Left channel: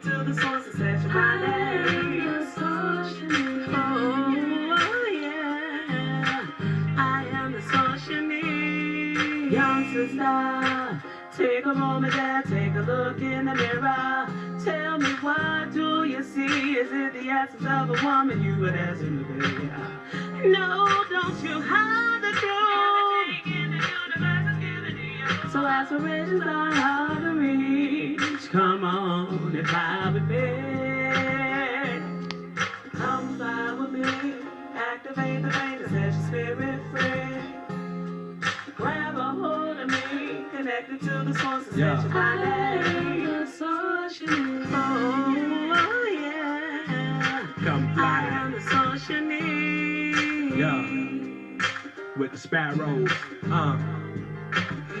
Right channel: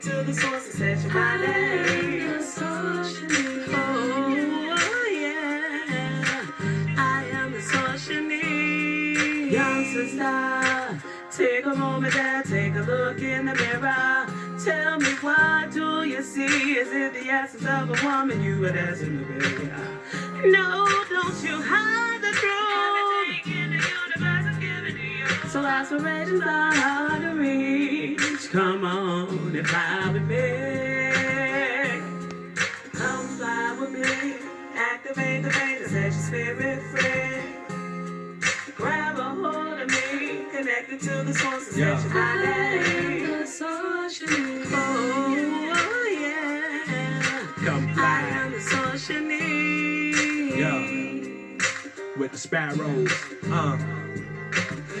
Connected to the source that sets your mind at ease. Oh, yeah. I am the source you need. Young sister, take a moment there, take a look in the mirror. Tell me, what do you see? Is it the essence of a woman you would ask in the bed? No, don't you hide the truth. Everything in the universe is given to you. So aspirations are hard to reach. Come on and fly with me. Come fly with me. Activate the vein that sets your spirit free. Grab a hold of me. Connected to the source that sets your mind at ease. Oh, yeah. Come I fly. am the source you need. Yeah. With the sparrows.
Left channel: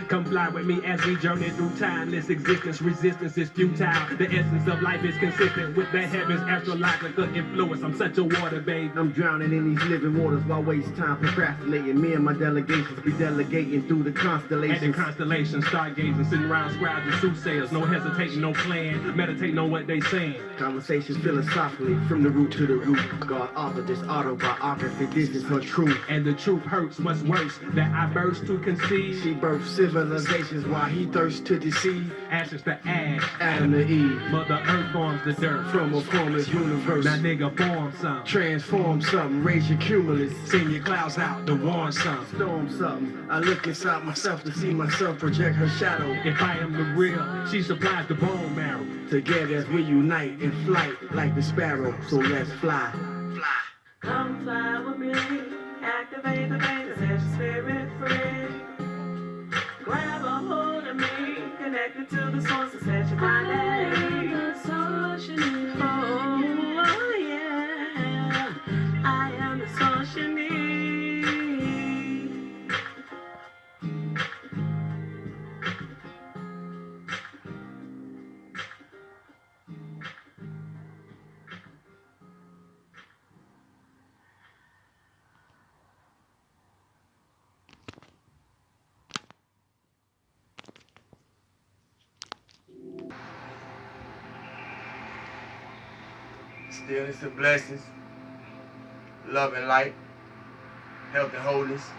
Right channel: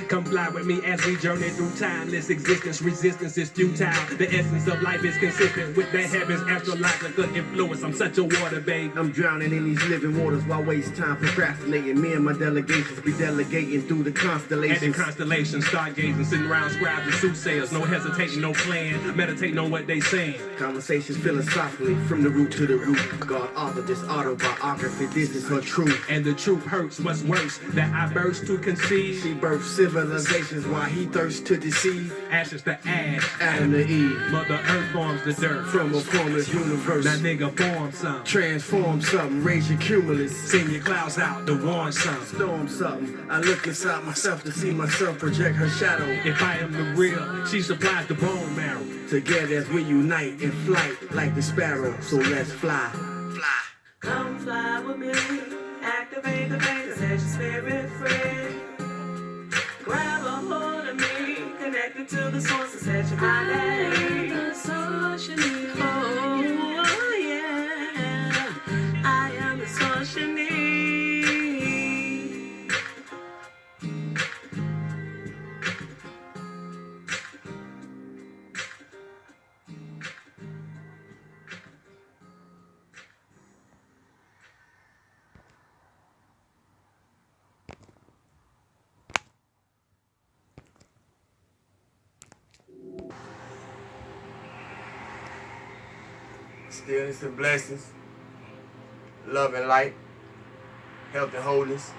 Come fly with me as we journey through timeless existence. Resistance is futile. The essence of life is consistent with the heavens' astrological influence. I'm such a water babe. I'm drowning in these living waters. Why waste time procrastinating? Me and my delegations be delegating through the At the constellations. constellations, stargazing, sitting around scribes and soothsayers. No hesitating, no plan. Meditating on what they saying. Conversations philosophically from the root to the root. God authored this autobiography. This is her truth. And the truth hurts. What's worse? That I burst to conceive. She birthed civilizations while he thirsts to deceive. Ashes to ash. Adam to Eve. Mother Earth forms the dirt. From a formless universe. That nigga form something. Transform something. Raise your cumulus. Send your clouds out to warn something. Storm something. I look inside myself to see myself project her shadow. If I am the real, she supplies the bone marrow. Together as we unite in flight like the sparrow. So let's fly. Fly. Come fly with me. Activate the vein that sets your spirit free. Grab a hold of me. Connected to the source that sets your mind at ease. Oh, yeah. I am the source you need. Stillness and blessings, love and light, health and wholeness.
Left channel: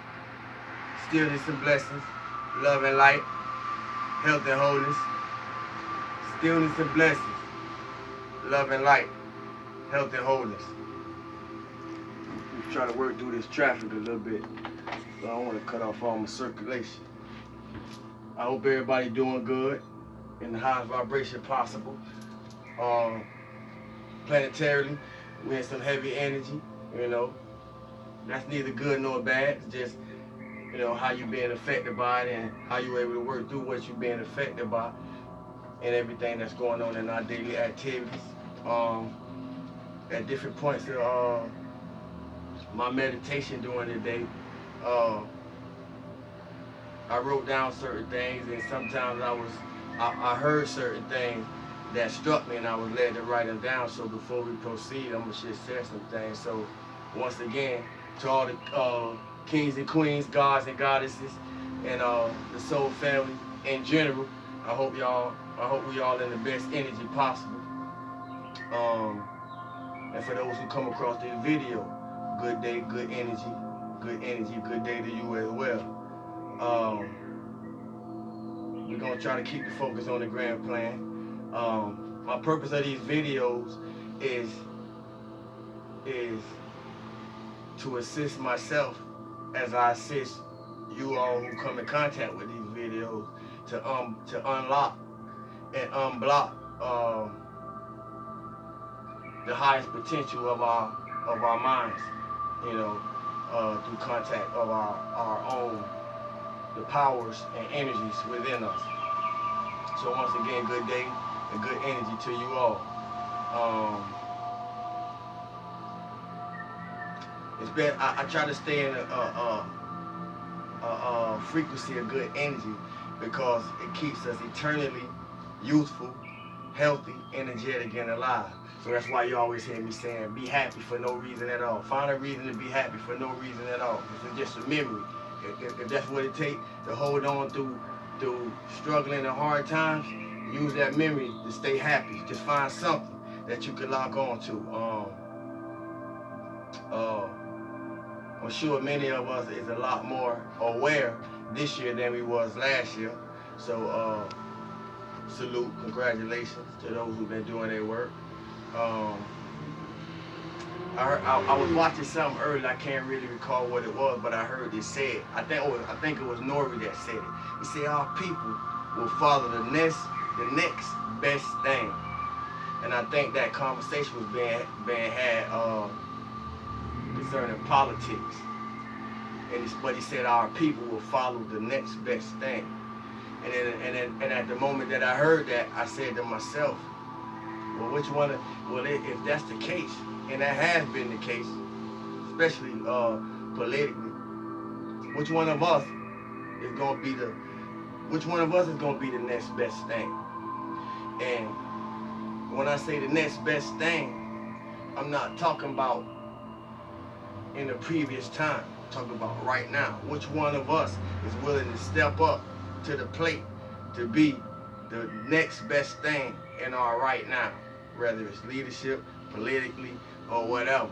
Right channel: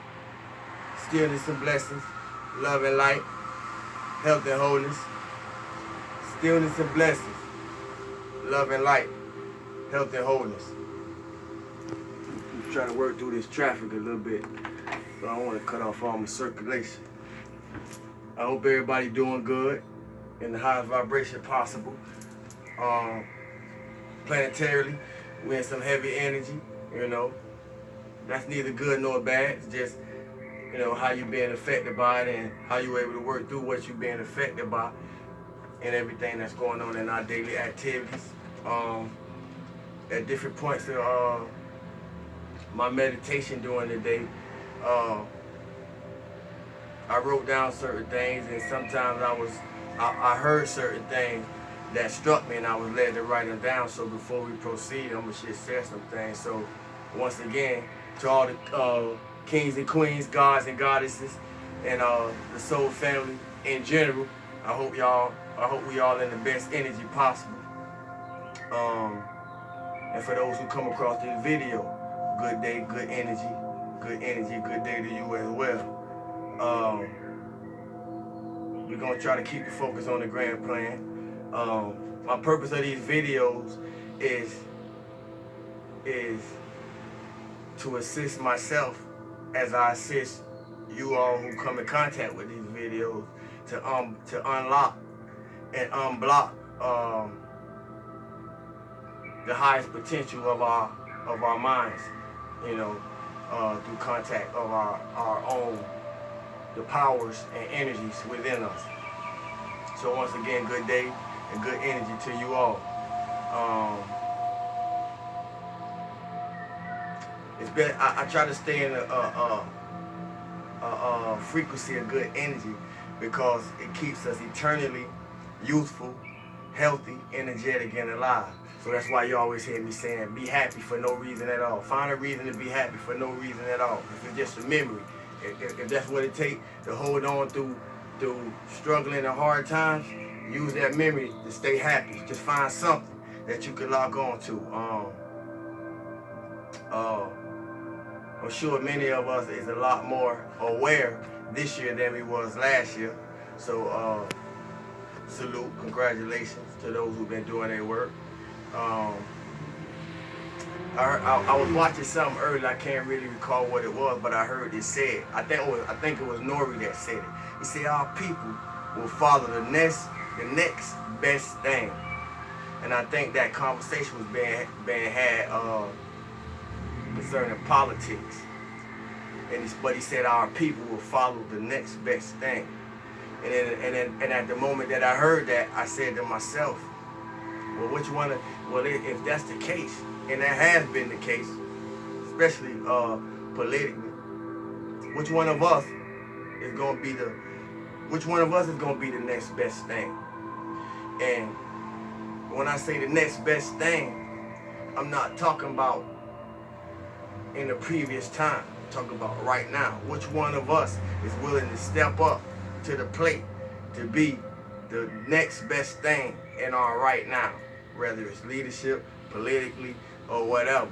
Stillness and blessings, love and light, health and wholeness. Stillness and blessings, love and light, health and wholeness. I'm trying to work through this traffic a little bit, so I don't want to cut off all my circulation. I hope everybody doing good in the highest vibration possible. Planetarily, we're in some heavy energy, you know. That's neither good nor bad. It's just, you know, how you being affected by it and how you able to work through what you're being affected by and everything that's going on in our daily activities. At different points of my meditation during the day, I wrote down certain things, and sometimes I heard certain things that struck me, and I was led to write them down. So before we proceed, I'm gonna just share some things. So once again, to all the kings and queens, gods and goddesses, and the soul family in general, I hope we all in the best energy possible. And for those who come across this video, good day, good energy, good day to you as well. We're gonna try to keep the focus on the grand plan. My purpose of these videos is to assist myself as I assist you all who come in contact with these videos to unlock and unblock the highest potential of our minds, you know, through contact of our own, the powers and energies within us. So once again, good day and good energy to you all. It's been, I try to stay in a frequency of good energy because it keeps us eternally youthful, healthy, energetic, and alive. So that's why you always hear me saying, be happy for no reason at all. Find a reason to be happy for no reason at all. If it's just a memory, if that's what it takes to hold on through struggling and hard times, use that memory to stay happy. Just find something that you can lock on to. I'm sure many of us is a lot more aware this year than we was last year. So salute, congratulations to those who've been doing their work. I was watching something earlier. I can't really recall what it was, but I heard it said. I think it was Nori that said it. He said our people will follow the next best thing. And I think that conversation was being had concerning politics. But he said our people will follow the next best thing. And at the moment that I heard that, I said to myself, well, if that's the case, and that has been the case, especially politically, which one of us is gonna be the next best thing? And when I say the next best thing, I'm not talking about in the previous time. I'm talking about right now. Which one of us is willing to step up to the plate to be the next best thing in our right now, whether it's leadership, politically, or whatever.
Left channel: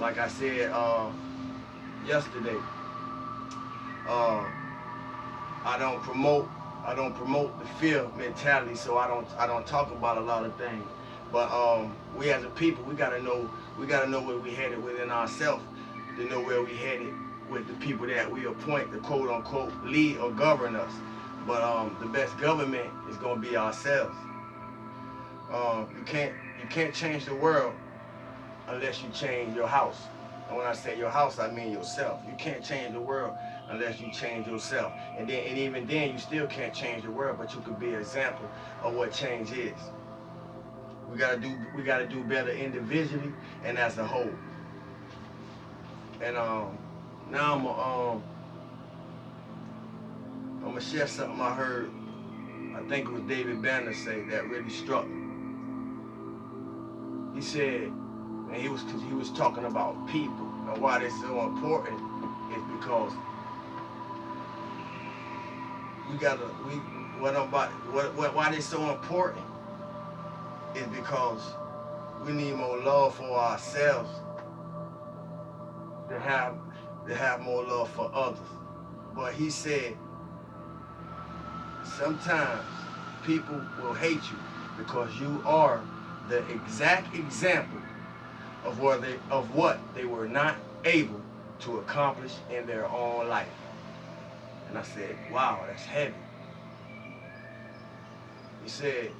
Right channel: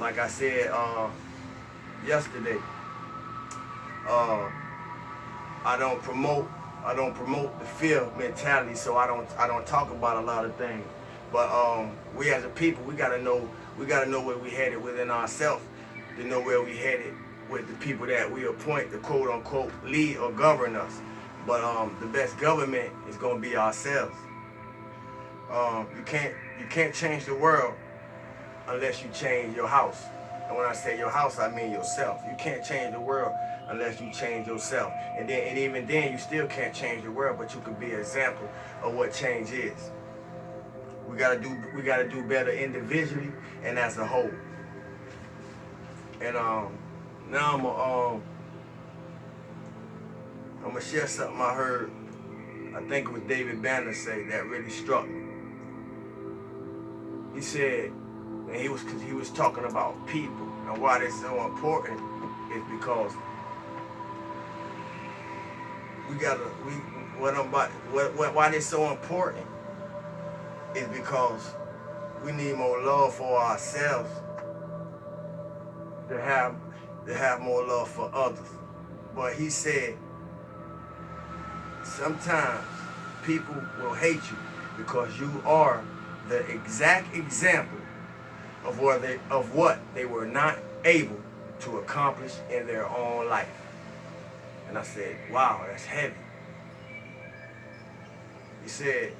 Like I said yesterday, I don't promote the fear mentality, so I don't talk about a lot of things. But we as a people, we gotta know where we headed within ourselves, to know where we headed with the people that we appoint to quote unquote lead or govern us. But the best government is gonna be ourselves. You can't change the world unless you change your house. And when I say your house, I mean yourself. You can't change the world unless you change yourself. And even then, you still can't change the world, but you can be an example of what change is. We gotta do better individually and as a whole. And now I'm gonna share something I heard. I think it was David Banner say that really struck me. He said, and he was talking about people, and why this is so important is because why this so important is because we need more love for ourselves to have more love for others. But he said sometimes people will hate you because you are the exact example of what they were not able to accomplish in their own life. And I said, wow, that's heavy. He said,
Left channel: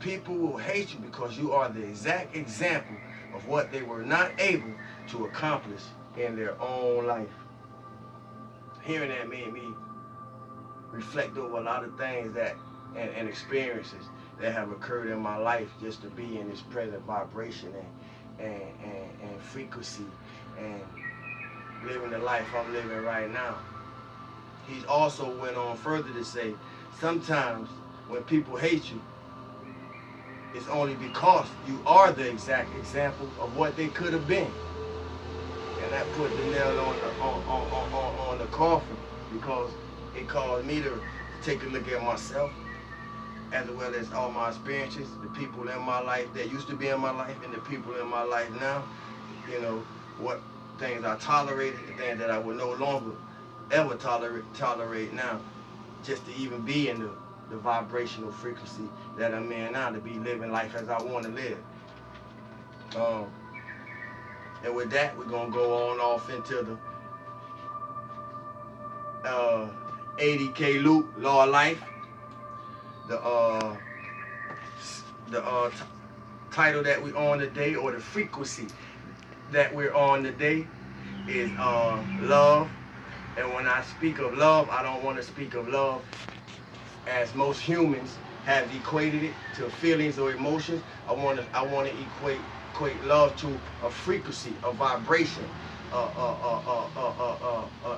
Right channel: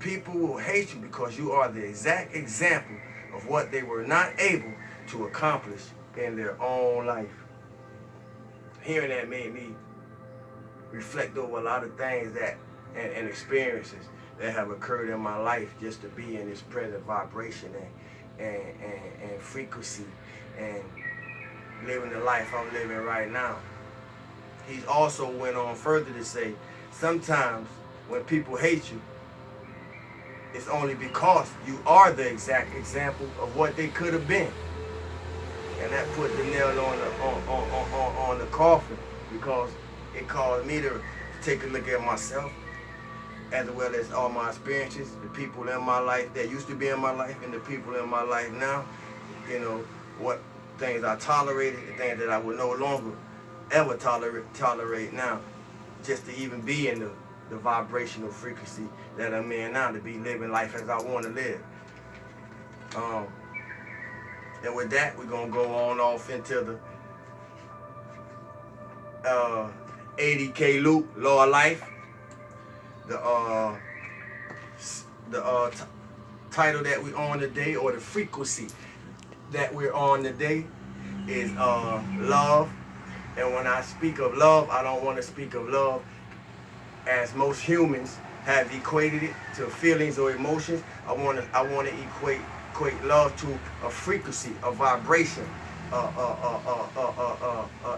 people will hate you because you are the exact example of what they were not able to accomplish in their own life. Hearing that made me reflect over a lot of things and experiences that have occurred in my life just to be in this present vibration and frequency and living the life I'm living right now. He also went on further to say, sometimes when people hate you, it's only because you are the exact example of what they could have been. And that put the nail on the coffin, because it caused me to take a look at myself, as well as all my experiences, the people in my life that used to be in my life and the people in my life now. You know, what things I tolerated, the things that I would no longer ever tolerate now, just to even be in the vibrational frequency that I'm in now, to be living life as I want to live. And with that, we're going to go on off into the 80K loop, Law of Life. The title that we're on today, or the frequency that we're on today, is love. And when I speak of love, I don't want to speak of love as most humans have equated it to feelings or emotions. I want to equate love to a frequency, a vibration,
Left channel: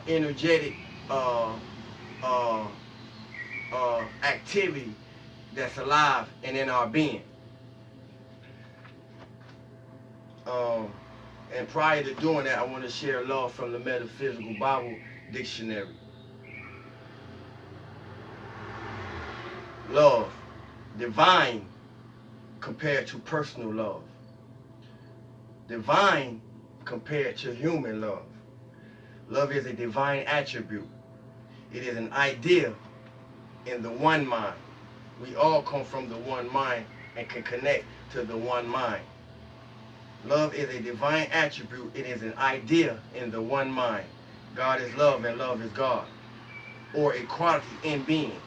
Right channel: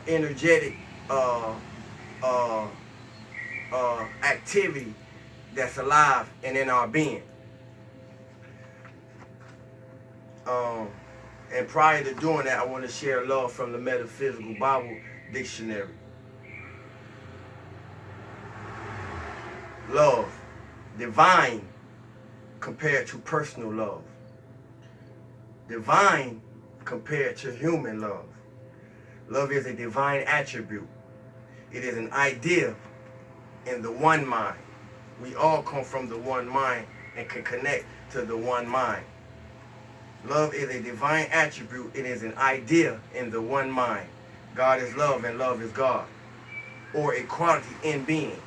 energetic activity that's alive and in our being. And prior to doing that, I want to share love from the Metaphysical Bible Dictionary. Love divine compared to personal love. Divine compared to human love. Love is a divine attribute. It is an idea in the one mind. We all come from the one mind and can connect to the one mind. Love is a divine attribute. It is an idea in the one mind. God is love and love is God, or a quality in being.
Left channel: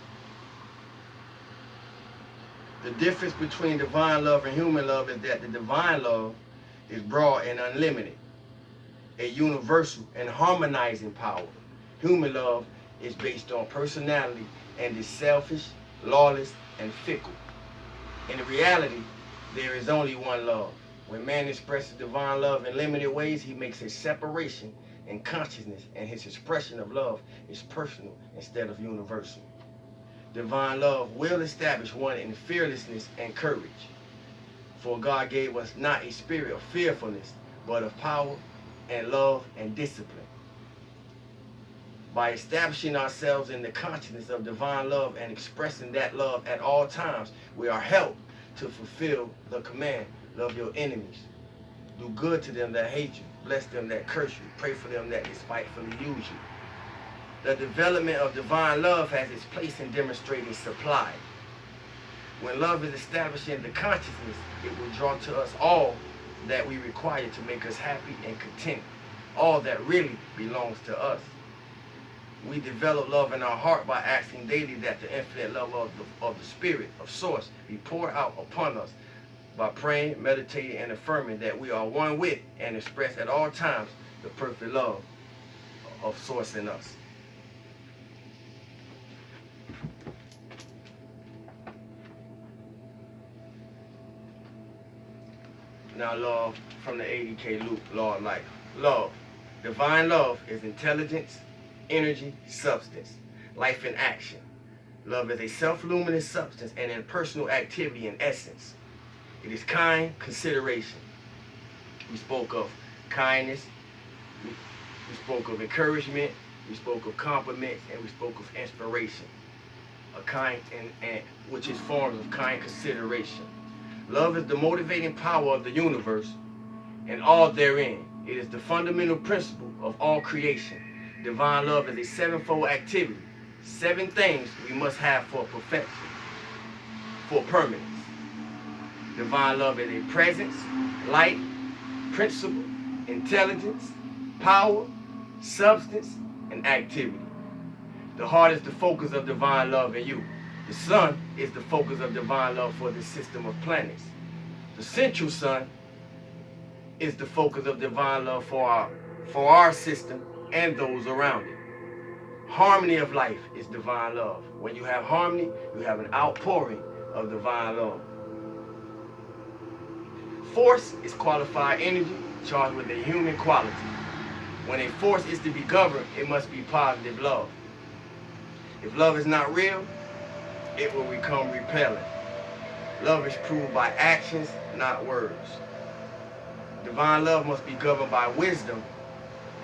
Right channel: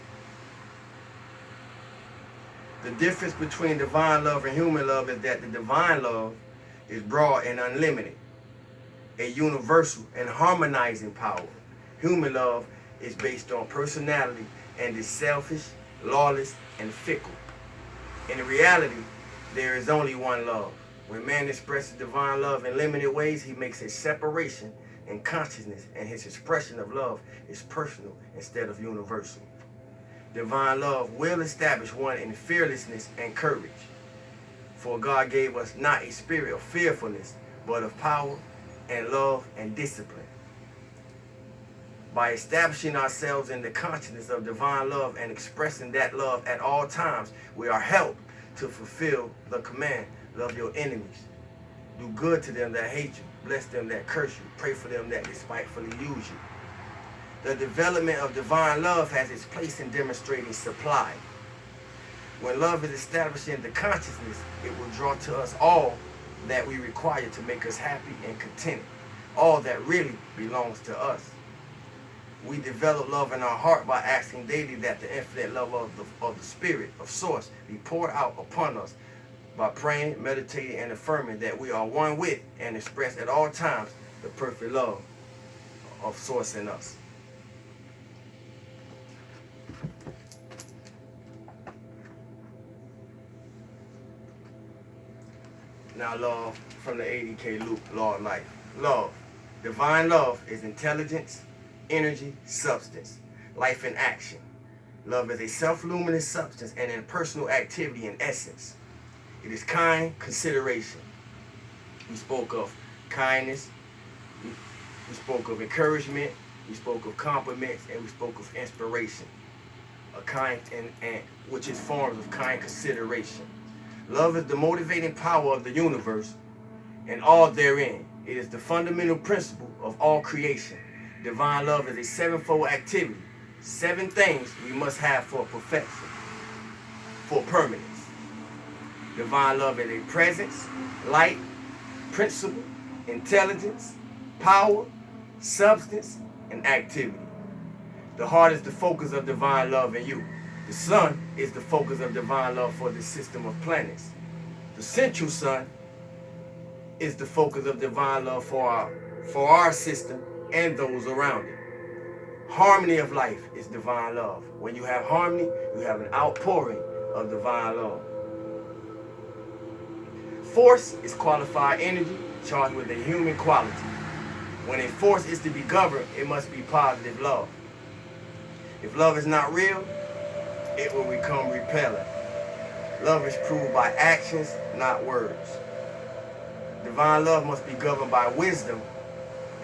The difference between divine love and human love is that the divine love is broad and unlimited, a universal and harmonizing power. Human love is based on personality and is selfish, lawless, and fickle. In reality, there is only one love. When man expresses divine love in limited ways, he makes a separation in consciousness, and his expression of love is personal instead of universal. Divine love will establish one in fearlessness and courage. For God gave us not a spirit of fearfulness, but of power and love and discipline. By establishing ourselves in the consciousness of divine love and expressing that love at all times, we are helped to fulfill the command, love your enemies. Do good to them that hate you. Bless them that curse you. Pray for them that despitefully use you. The development of divine love has its place in demonstrating supply. When love is established in the consciousness, it will draw to us all that we require to make us happy and content, all that really belongs to us. We develop love in our heart by asking daily that the infinite love of the Spirit, of Source, be poured out upon us by praying, meditating, and affirming that we are one with and express at all times the perfect love of Source in us. Now, love from the 80K loop, law of life. Love. Divine love is intelligence, energy, substance, life in action. Love is a self-luminous substance and impersonal activity in essence. It is kind consideration. We spoke of kindness, we spoke of encouragement, we spoke of compliments, and we spoke of inspiration. A kind and which is forms of kind consideration. Love is the motivating power of the universe and all therein. It is the fundamental principle of all creation. Divine love is a sevenfold activity. 7 things we must have for perfection, for permanence. Divine love is a presence, light, principle, intelligence, power, substance, and activity. The heart is the focus of divine love in you. The sun is the focus of divine love for the system of planets. The central sun is the focus of divine love for our system and those around it. Harmony of life is divine love. When you have harmony, you have an outpouring of divine love. Force is qualified energy charged with a human quality. When a force is to be governed, it must be positive love. If love is not real, it will become repellent. Love is proved by actions, not words. Divine love must be governed by wisdom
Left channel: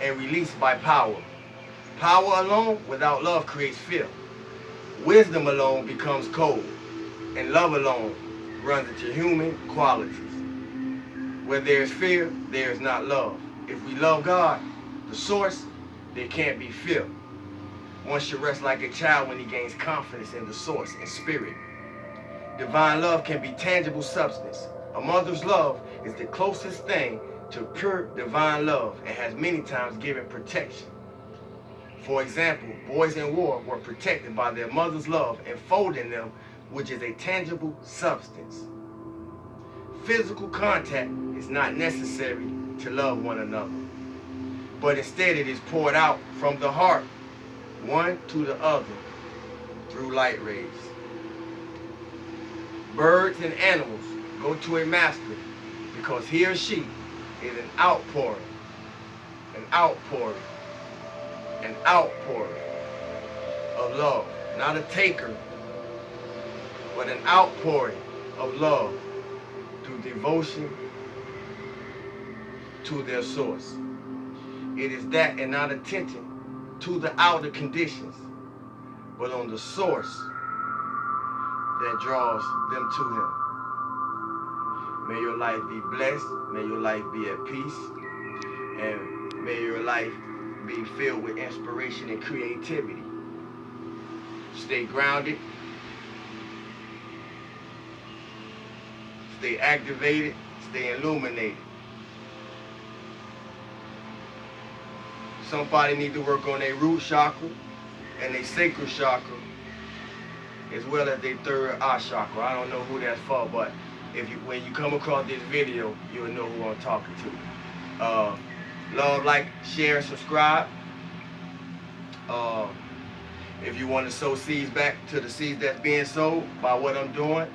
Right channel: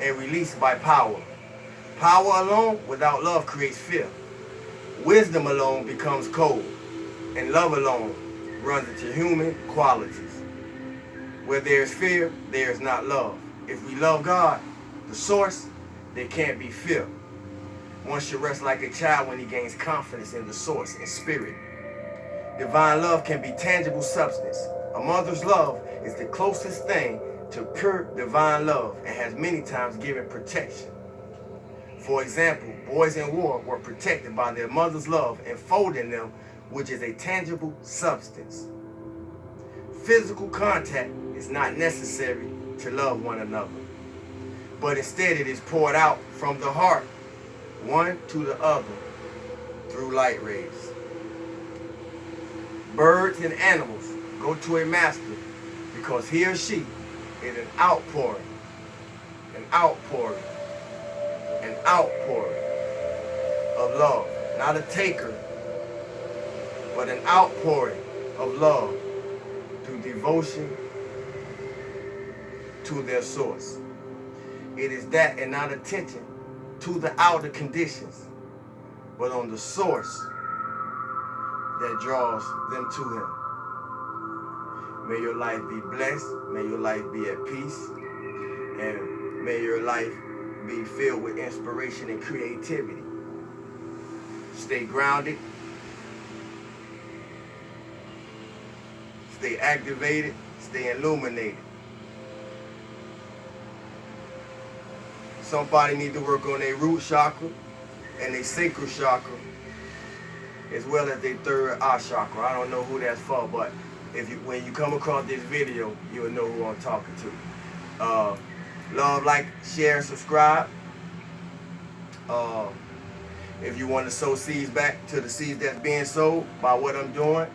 and released by power. Power alone without love creates fear. Wisdom alone becomes cold, and love alone runs into human qualities. Where there is fear, there is not love. If we love God, the source, there can't be fear. One should rest like a child when he gains confidence in the source and spirit. Divine love can be tangible substance. A mother's love is the closest thing to pure divine love and has many times given protection. For example, boys in war were protected by their mother's love enfolding them, which is a tangible substance. Physical contact is not necessary to love one another, but instead it is poured out from the heart, one to the other, through light rays. Birds and animals go to a master because he or she is an outpouring of love. Not a taker, but an outpouring of love through devotion to their source. It is that and not attention to the outer conditions, but on the source that draws them to him. May your life be blessed. May your life be at peace. And may your life be filled with inspiration and creativity. Stay grounded. Stay activated. Stay illuminated. Somebody need to work on their root chakra and their sacral chakra, as well as their third eye chakra. I don't know who that's for, but when you come across this video, you'll know who I'm talking to. Love, like, share, and subscribe. If you want to sow seeds back to the seeds that's being sowed by what I'm doing,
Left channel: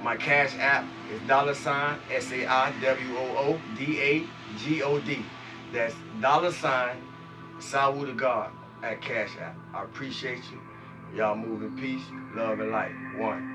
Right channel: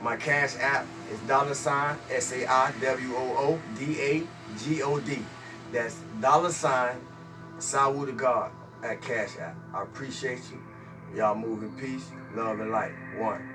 my Cash App is $SAIWOODAGOD. That's $Sawu to God at Cash App. I appreciate you. Y'all move in peace, love, and light. One.